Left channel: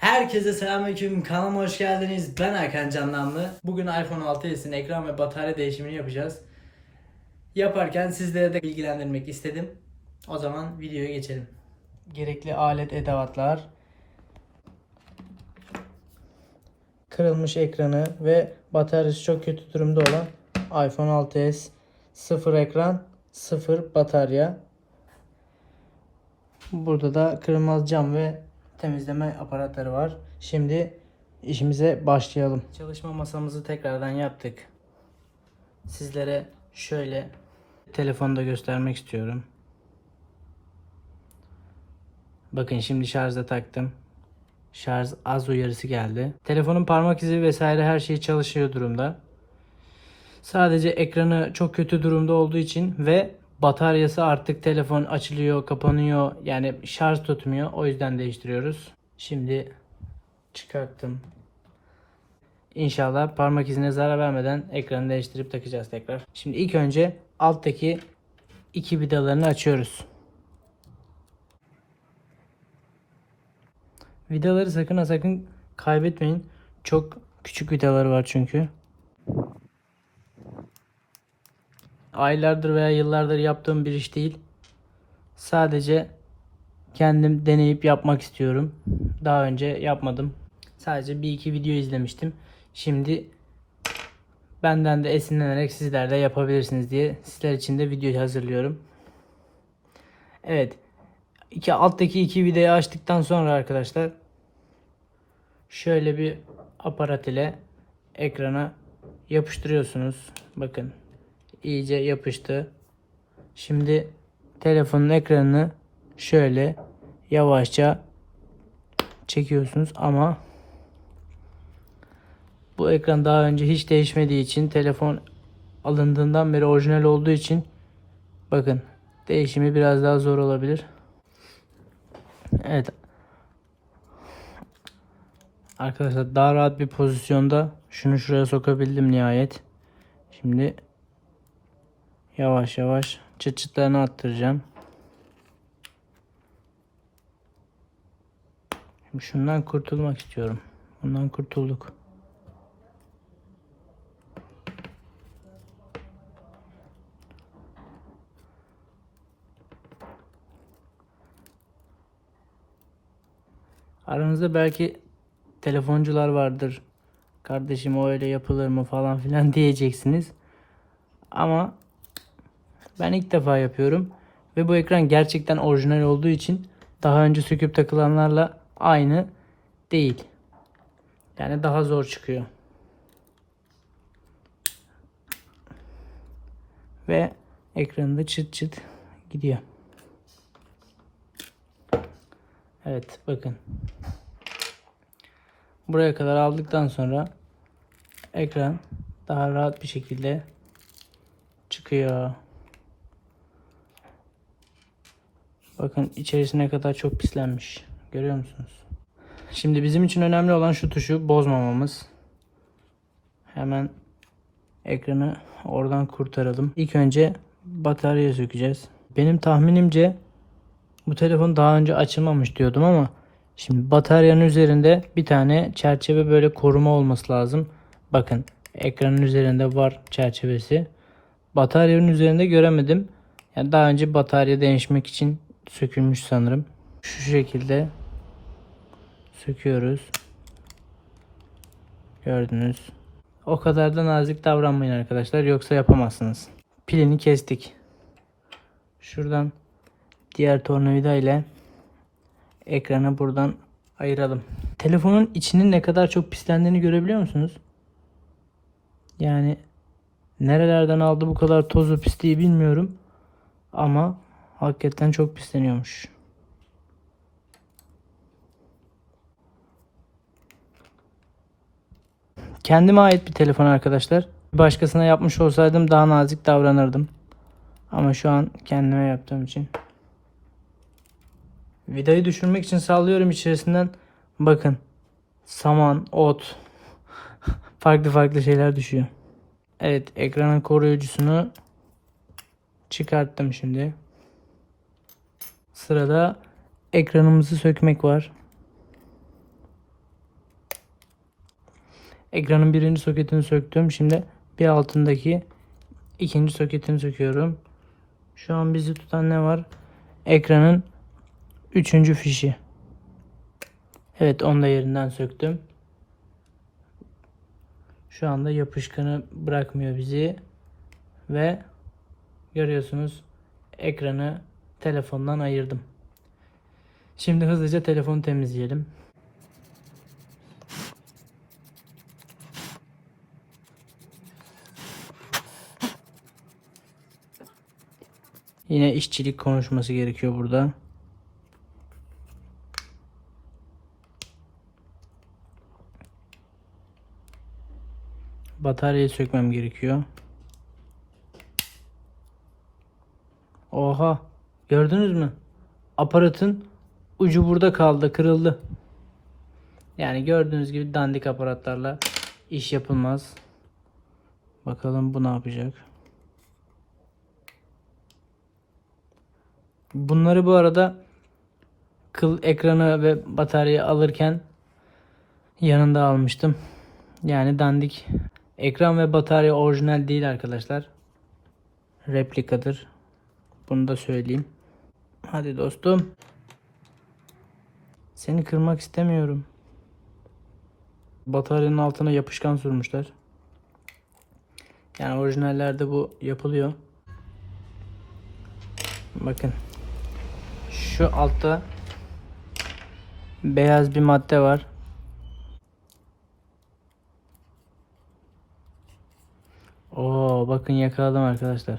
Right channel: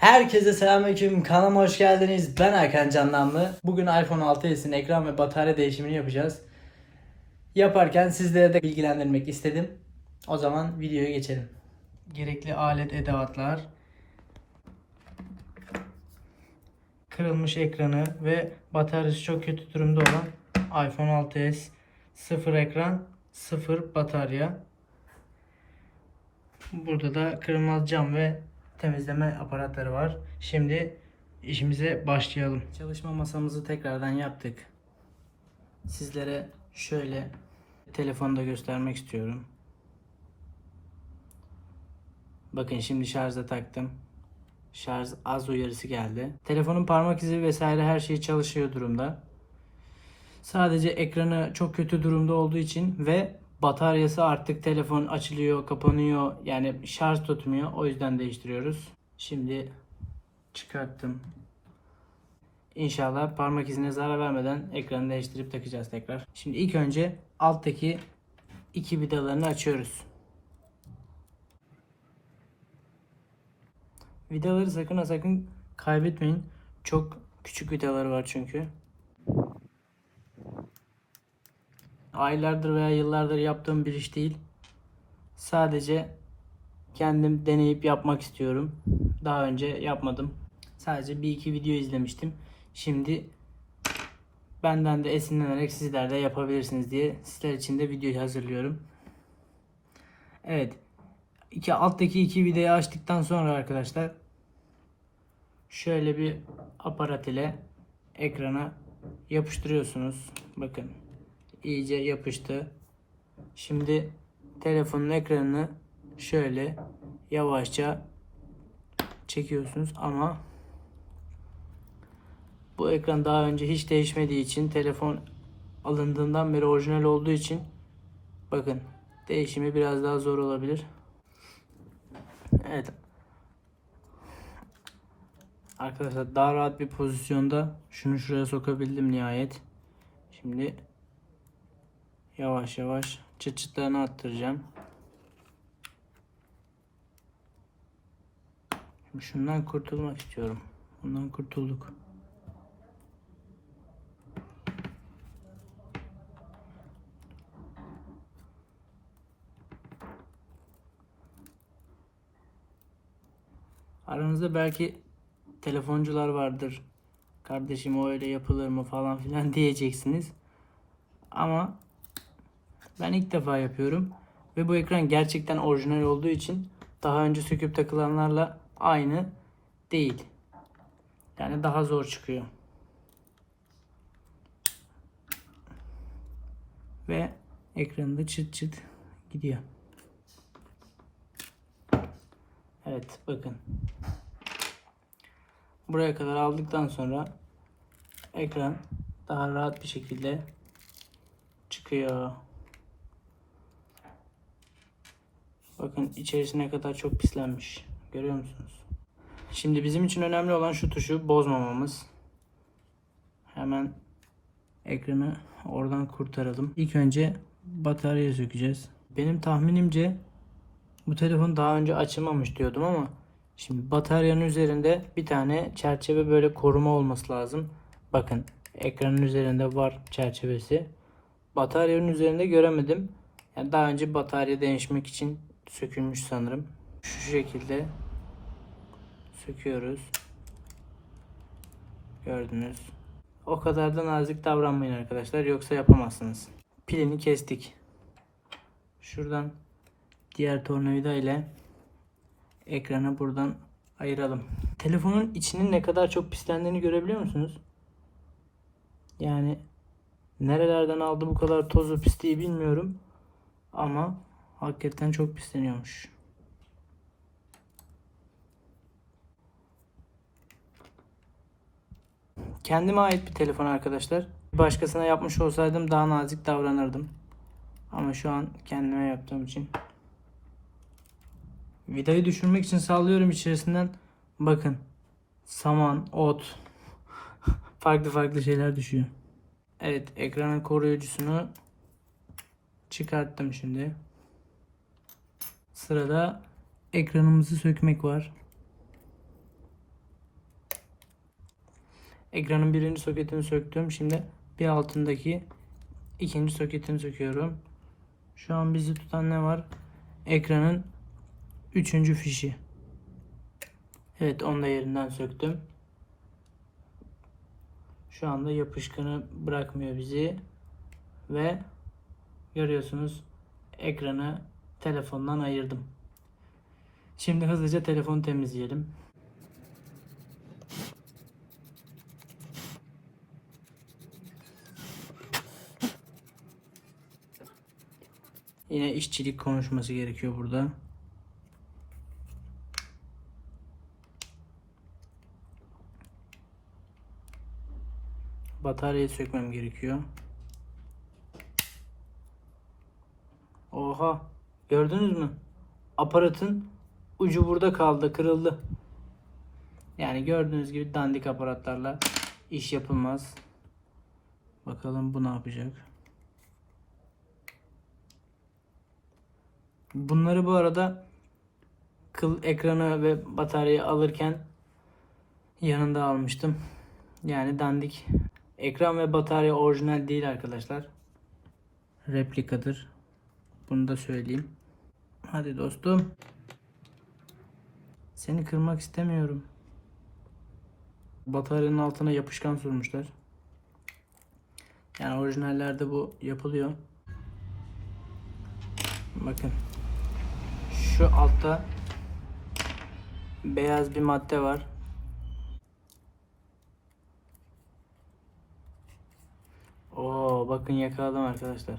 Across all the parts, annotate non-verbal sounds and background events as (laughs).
Herkese selamünaleyküm. Kanalıma hoş geldiniz. Ben Erkan Canlanlı. Bugün iPhone 6s'in ekran ve batarya değişimini yapacağız. Yaparken sizlere de bilgilendirmek istedim. O zaman videoya geçelim. Gerekli alet edevatlar. Kırılmış ekranı ve bataryası çok kötü durumda olan iPhone 6s. Sıfır ekran, sıfır batarya. Burada da kırılmaz cam ve temizleme aparatları var. Şimdi işimize başlayalım. Çalışma masamızı tekrardan yaptık. Sizlere şöyle telefonu da göstermek istiyorum. Bakın şimdi şarja taktım. Şarj az uyarısı geldi. Telefonun parmak izi vesaire her şey çalışıyor durumda. Sadece ekranı çok kötü durumda olduğu için ve bataryası artık telefon açılıyor, kapanıyor. Yani şarj tutmuyor. O yüzden değiştiriyoruz. Şimdi çıkarttım. İnşallah parmak izine zarar vermeden ekranı değiştirip takacağız tekrar. Şimdi ilk önce alttaki iki vidalarını açıyoruz. Vidaları sakın ha sakın kaybetmeyin. Çok küçük vidaları var çünkü. Aylardır veya yıllardır yaptığım bir iş değil. Sadece kendim deneyip yapmak istiyorum. Daha önce yapmadım. Sadece bir iki video izlemiştim. Şimdi benden de esinlenerek sizler de yapabilirsiniz diye sizler için de video hazırlıyorum. Evet. İki alttaki iki videoyu açtıktan sonra arkadaşlar şöyle bir aparat ile ekrana yapıştırıyorsunuz. Bakın iyice yapıştı. Şimdi telefonun ekranını şöyle yavaşça çekiyorsunuz ama bu ekran daha önce hiç değişmediği için telefon alındığından beri orijinal olduğu için bakın değişimi biraz daha zor olabilir. Evet. Arkadaşlar daha rahat bir pozisyonda şunu şuraya sokabildim nihayet. Şimdi yavaş yavaş çıt çıtlarını attıracağım. Şimdi şundan kurtulmak istiyorum. Bundan kurtulduk. Aranızda belki telefoncular vardır. Kardeşim o öyle yapılır mı falan filan (laughs) diyeceksiniz. Ama ben ilk defa yapıyorum. Ve bu ekran gerçekten orijinal olduğu için daha önce söküp takılanlarla aynı değil. Yani daha zor çıkıyor. Ve ekranında çıt çıt gidiyor. Evet bakın. Buraya kadar aldıktan sonra ekran daha rahat bir şekilde çıkıyor. Bakın içerisine kadar çok pislenmiş. Görüyor musunuz? Şimdi bizim için önemli olan şu tuşu bozmamamız. Hemen ekranı oradan kurtaralım. İlk önce bataryayı sökeceğiz. Benim tahminimce bu telefon daha önce açılmamış diyordum ama şimdi bataryanın üzerinde bir tane çerçeve böyle koruma olması lazım. Bakın ekranın üzerinde var çerçevesi. Bataryanın üzerinde göremedim. Yani daha önce batarya değişmek için sökülmüş sanırım. Şu şekilde söküyoruz. Gördünüz. O kadar da nazik davranmayın arkadaşlar yoksa yapamazsınız. Pilini kestik. Şuradan diğer tornavida ile ekranı buradan ayıralım. Telefonun içinin ne kadar çok pislendiğini görebiliyor musunuz? Yani nerelerden aldı bu kadar tozu pisliği bilmiyorum. Ama hakikaten çok pisleniyormuş. Kendime ait bir telefon arkadaşlar. Başkasına yapmış olsaydım daha nazik davranırdım. Ama şu an kendime yaptığım için. Vidayı düşürmek için sallıyorum içerisinden. Bakın. Saman, ot. (laughs) farklı farklı şeyler düşüyor. Evet ekranın koruyucusunu çıkarttım şimdi. Sırada ekranımızı sökmek var. Ekranın birinci soketini söktüm. Şimdi bir altındaki ikinci soketini söküyorum. Şu an bizi tutan ne var? Ekranın üçüncü fişi. Evet onu da yerinden söktüm. Şu anda yapışkanı bırakmıyor bizi. Ve görüyorsunuz ekranı telefondan ayırdım. Şimdi hızlıca telefonu temizleyelim. Yine işçilik konuşması gerekiyor burada. Bataryayı sökmem gerekiyor. Oha! Gördünüz mü? Aparatın ucu burada kaldı, kırıldı. Yani gördüğünüz gibi dandik aparatlarla iş yapılmaz. Bakalım bu ne yapacak? Bunları bu arada kıl ekranı ve bataryayı alırken yanında almıştım. Yani dandik. Ekran ve batarya orijinal değil arkadaşlar. Replikadır. Bunu da söyleyeyim. Hadi dostum. Seni kırmak istemiyorum. Bataryanın altına yapışkan sürmüşler. Yani orijinallerde bu yapılıyor. Bakın. Şu altta beyaz bir madde var. Oo, bakın yakaladım arkadaşlar.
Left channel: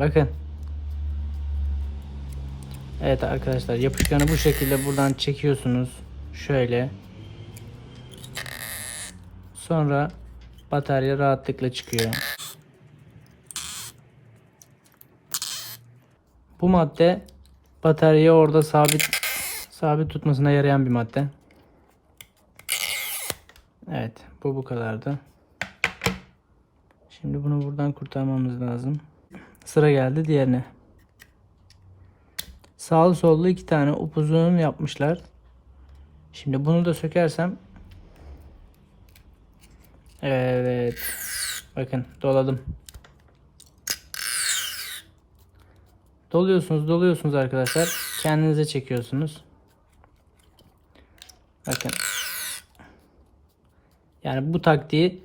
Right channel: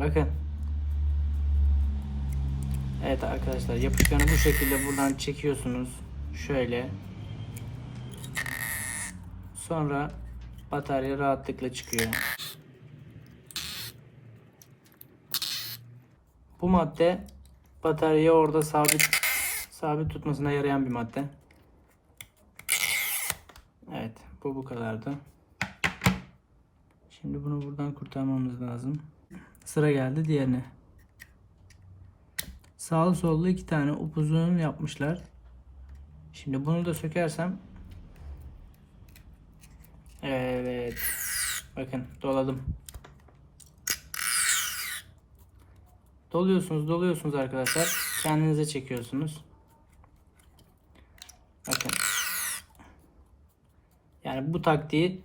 Bakın. Evet arkadaşlar yapışkanı bu şekilde buradan çekiyorsunuz. Şöyle. Sonra batarya rahatlıkla çıkıyor. Bu madde bataryayı orada sabit sabit tutmasına yarayan bir madde. Evet, bu bu kadardı. Şimdi bunu buradan kurtarmamız lazım. Sıra geldi diğerine. Sağlı sollu iki tane upuzun yapmışlar. Şimdi bunu da sökersem Evet. Bakın doladım. Doluyorsunuz, doluyorsunuz arkadaşlar. Kendinize çekiyorsunuz. Bakın. Yani bu taktiği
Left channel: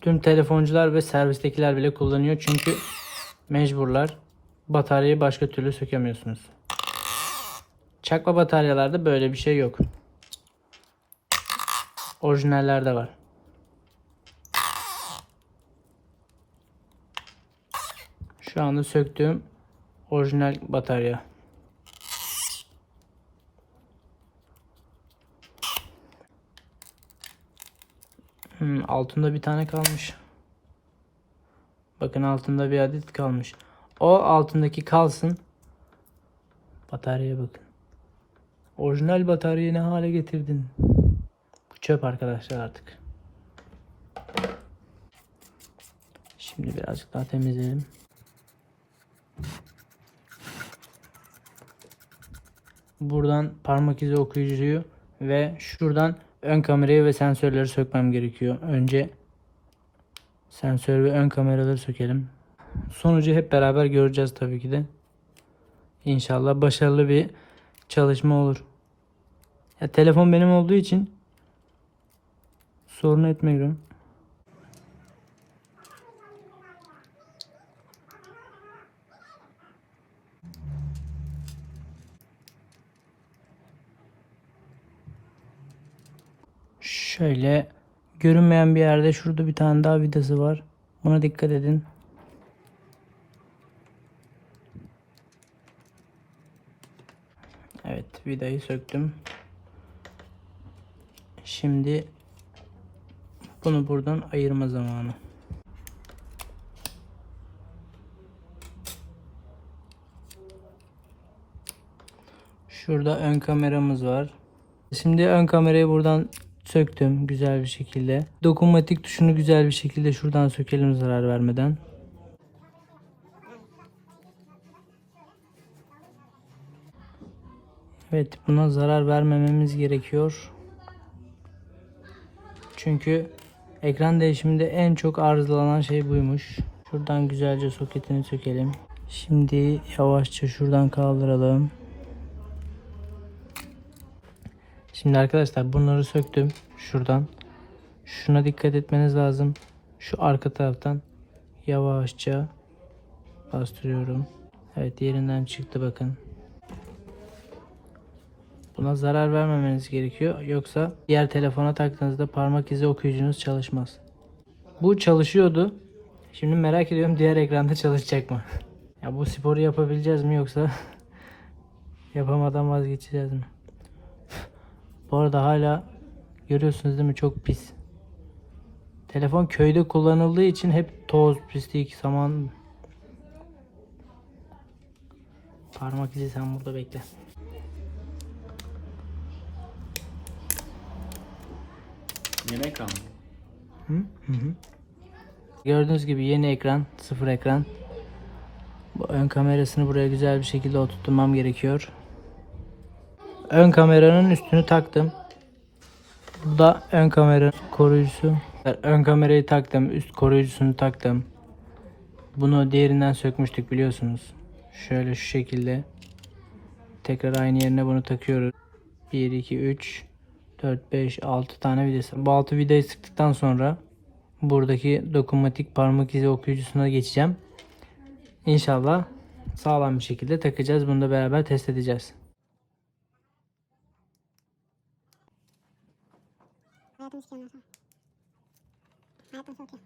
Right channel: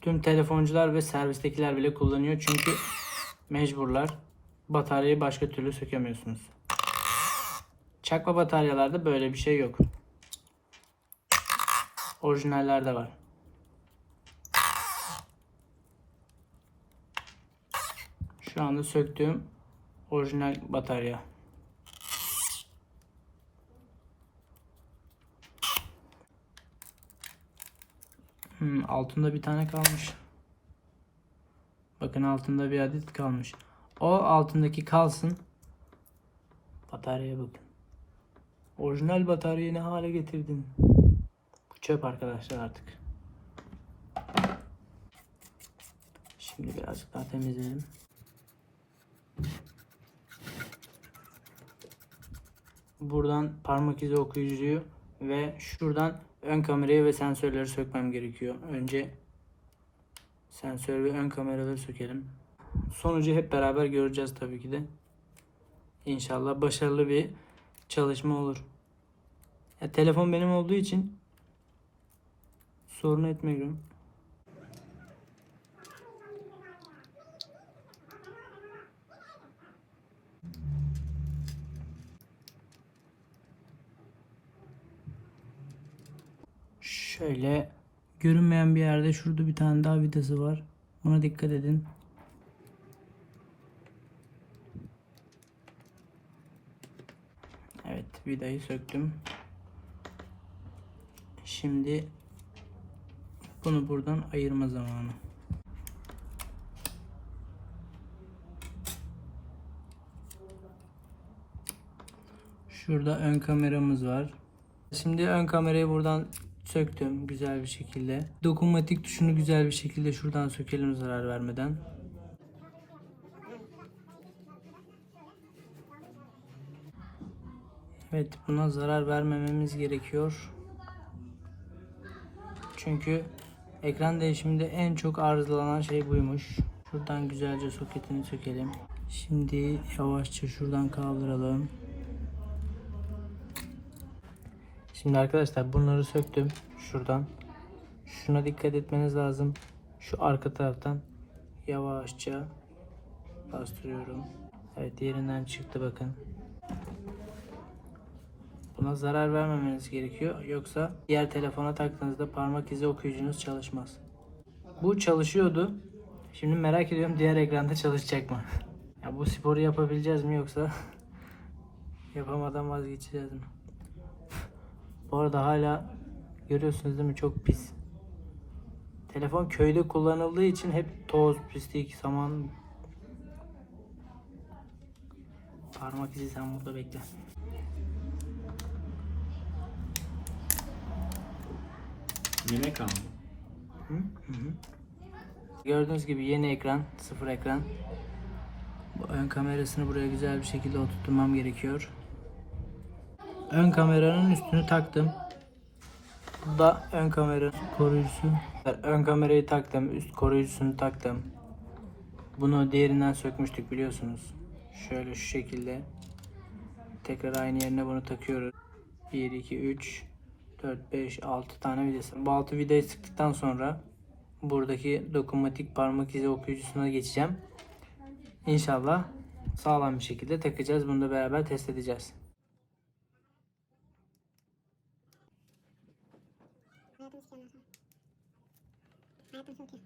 tüm telefoncular ve servistekiler bile kullanıyor. Çünkü mecburlar. Bataryayı başka türlü sökemiyorsunuz. Çakma bataryalarda böyle bir şey yok. Orijinallerde var. Şu anda söktüğüm orijinal batarya. Hmm, altında bir tane kalmış. Bakın altında bir adet kalmış. O altındaki kalsın. Bataryaya bakın. Orijinal bataryayı ne hale getirdin? Çöp arkadaşlar artık. Şimdi birazcık daha temizleyelim. Buradan parmak izi okuyucuyu ve şuradan ön kamerayı ve sensörleri sökmem gerekiyor. Önce sensör ve ön kameraları sökelim. Sonucu hep beraber göreceğiz tabii ki de. İnşallah başarılı bir çalışma olur. Ya telefon benim olduğu için sorun etmiyorum. Şöyle görünmeyen bir yerde şurada bir tane daha vidası var. Buna dikkat edin. Evet vidayı söktüm. Şimdi bunu buradan ayırma zamanı. Şurada ön kameramız var. Şimdi ön kamerayı buradan söktüm güzel bir şekilde. Dokunmatik tuşunu güzel bir şekilde şuradan sökelim zarar vermeden. Evet buna zarar vermememiz gerekiyor. Çünkü ekran değişiminde en çok arızalanan şey buymuş. Şuradan güzelce soketini sökelim. Şimdi yavaşça şuradan kaldıralım. Şimdi arkadaşlar bunları söktüm şuradan. Şuna dikkat etmeniz lazım. Şu arka taraftan yavaşça bastırıyorum. Evet yerinden çıktı bakın. Buna zarar vermemeniz gerekiyor. Yoksa diğer telefona taktığınızda parmak izi okuyucunuz çalışmaz. Bu çalışıyordu. Şimdi merak ediyorum diğer ekranda çalışacak mı? Ya bu sporu yapabileceğiz mi yoksa (laughs) yapamadan vazgeçeceğiz mi? Bu arada hala görüyorsunuz değil mi çok pis. Telefon köyde kullanıldığı için hep toz, pislik, saman. Parmak izi sen burada bekle. Yemek aldım. Hı? Hı hı. Gördüğünüz gibi yeni ekran, sıfır ekran. Bu ön kamerasını buraya güzel bir şekilde oturtmam gerekiyor. Ön kameranın üstünü taktım. Bu da ön kamera koruyucusu. Ön kamerayı taktım, üst koruyucusunu taktım. Bunu diğerinden sökmüştük biliyorsunuz. Şöyle şu şekilde. Tekrar aynı yerine bunu takıyoruz. 1, 2, 3, 4, 5, 6 tane vidası. Bu 6 vidayı sıktıktan sonra buradaki dokunmatik parmak izi okuyucusuna geçeceğim. İnşallah sağlam bir şekilde takacağız. Bunu da beraber test edeceğiz. Hayatım istiyorum olsa. Hayatım iyi.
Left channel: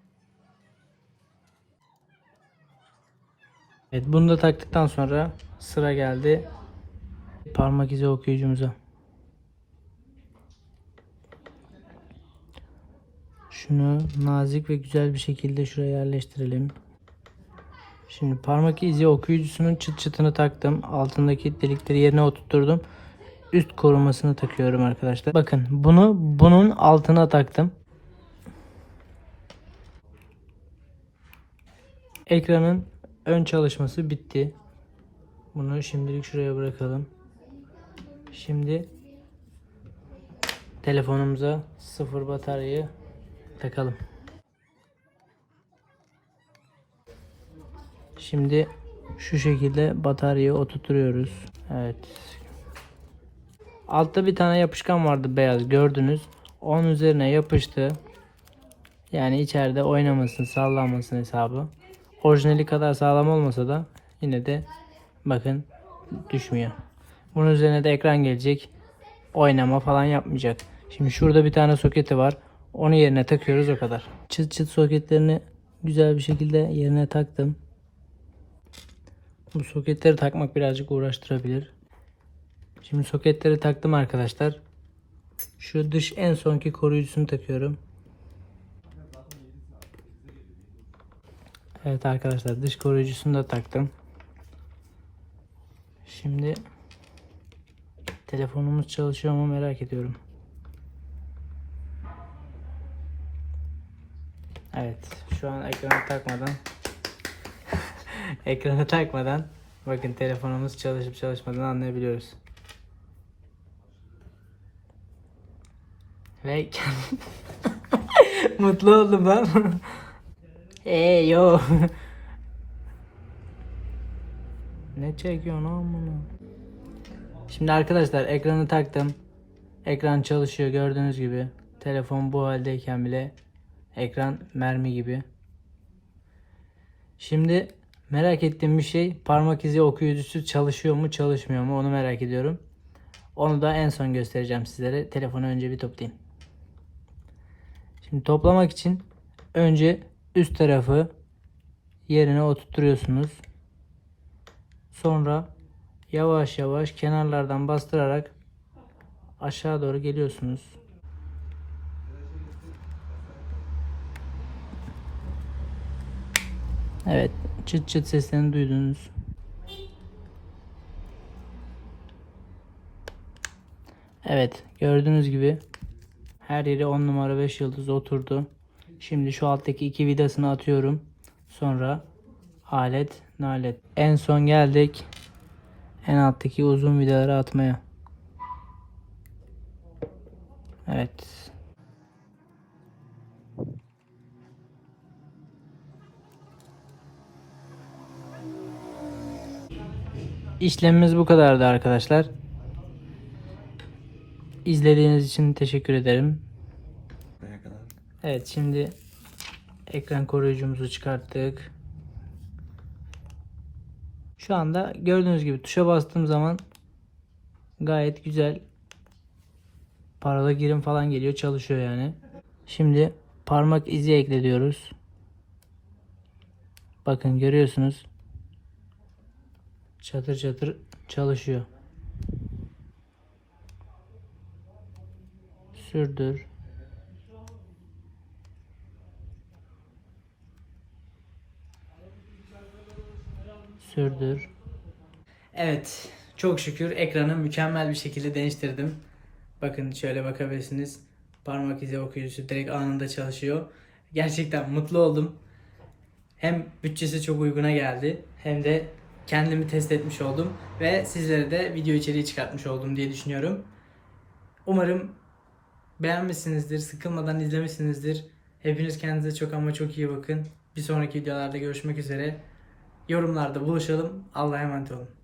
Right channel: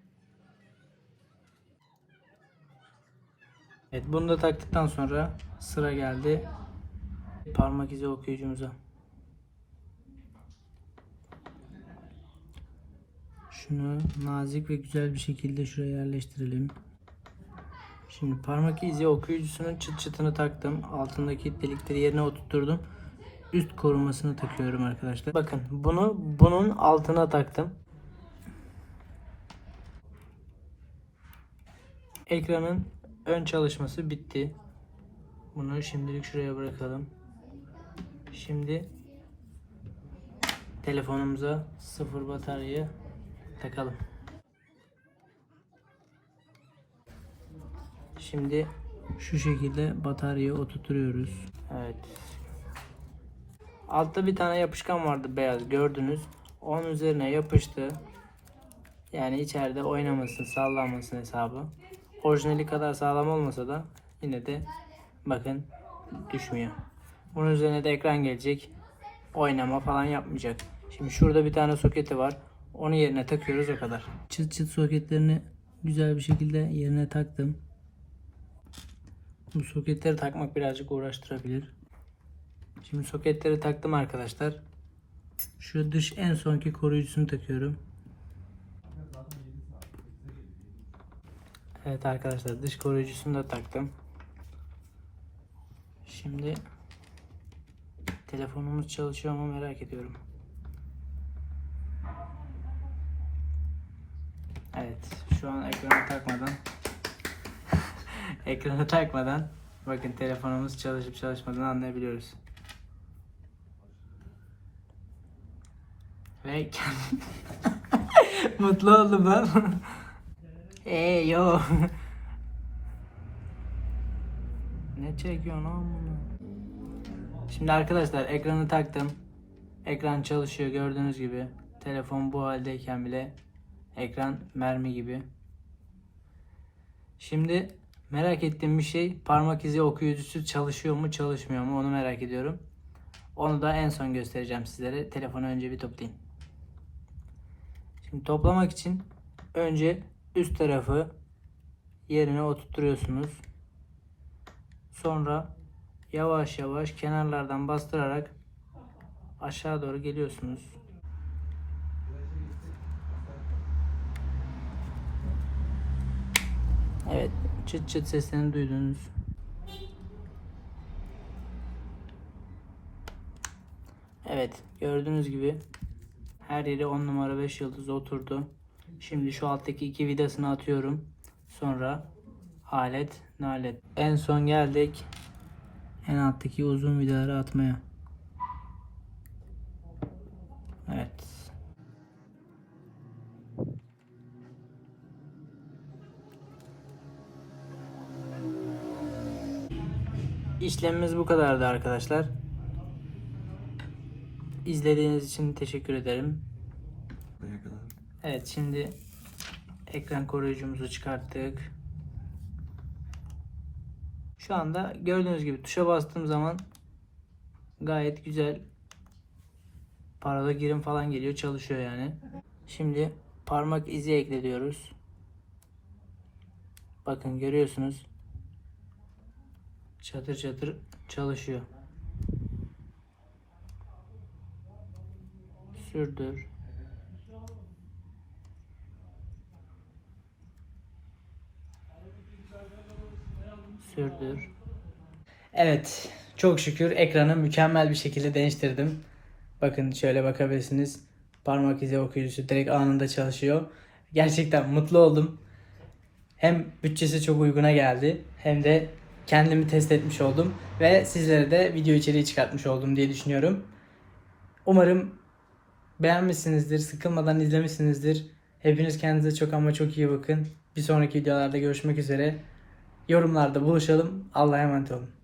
Evet bunu da taktıktan sonra sıra geldi parmak izi okuyucumuza. Şunu nazik ve güzel bir şekilde şuraya yerleştirelim. Şimdi parmak izi okuyucusunun çıt çıtını taktım. Altındaki delikleri yerine oturtturdum. Üst korumasını takıyorum arkadaşlar. Bakın bunu bunun altına taktım. Ekranın ön çalışması bitti. Bunu şimdilik şuraya bırakalım. Şimdi telefonumuza sıfır bataryayı takalım. Şimdi şu şekilde bataryayı oturtuyoruz. Evet. Altta bir tane yapışkan vardı beyaz gördünüz. Onun üzerine yapıştı. Yani içeride oynamasın, sallanmasın hesabı. Orijinali kadar sağlam olmasa da yine de bakın düşmüyor. Bunun üzerine de ekran gelecek. Oynama falan yapmayacak. Şimdi şurada bir tane soketi var. Onu yerine takıyoruz o kadar. Çıt çıt soketlerini güzel bir şekilde yerine taktım. Bu soketleri takmak birazcık uğraştırabilir. Şimdi soketleri taktım arkadaşlar. Şu dış en sonki koruyucusunu takıyorum. Evet arkadaşlar dış koruyucusunu da taktım. Şimdi telefonumuz çalışıyor mu merak ediyorum. Evet şu an ekranı takmadan (laughs) ekranı takmadan bakın telefonumuz çalışıp çalışmadığını anlayabiliyoruz. Ve (laughs) mutlu oldum lan. Eee yo. ne çekiyorsun oğlum? Şimdi arkadaşlar ekranı taktım. Ekran çalışıyor gördüğünüz gibi. Telefon bu haldeyken bile ekran mermi gibi. Şimdi merak ettiğim bir şey parmak izi okuyucusu çalışıyor mu çalışmıyor mu onu merak ediyorum. Onu da en son göstereceğim sizlere. Telefonu önce bir toplayayım. Şimdi toplamak için önce üst tarafı yerine oturtuyorsunuz. Sonra yavaş yavaş kenarlardan bastırarak aşağı doğru geliyorsunuz. Evet, çıt çıt seslerini duydunuz. Evet, gördüğünüz gibi her yere 10 numara 5 yıldız oturdu. Şimdi şu alttaki iki vidasını atıyorum. Sonra alet nalet. En son geldik. En alttaki uzun vidaları atmaya. Evet. İşlemimiz bu kadardı arkadaşlar. İzlediğiniz için teşekkür ederim. Evet şimdi ekran koruyucumuzu çıkarttık. Şu anda gördüğünüz gibi tuşa bastığım zaman gayet güzel parola girim falan geliyor çalışıyor yani. Şimdi parmak izi ekle diyoruz. Bakın görüyorsunuz. Çatır çatır çalışıyor. Sürdür. Sürdür. Evet. Çok şükür ekranı mükemmel bir şekilde değiştirdim. Bakın şöyle bakabilirsiniz. Parmak izi okuyucusu direkt anında çalışıyor. Gerçekten mutlu oldum. Hem bütçesi çok uyguna geldi hem de kendimi test etmiş oldum ve sizlere de video içeriği çıkartmış oldum diye düşünüyorum. Umarım beğenmişsinizdir, sıkılmadan izlemişsinizdir. Hepiniz kendinize çok ama çok iyi bakın. Bir sonraki videolarda görüşmek üzere. Yorumlarda buluşalım. Allah'a emanet olun.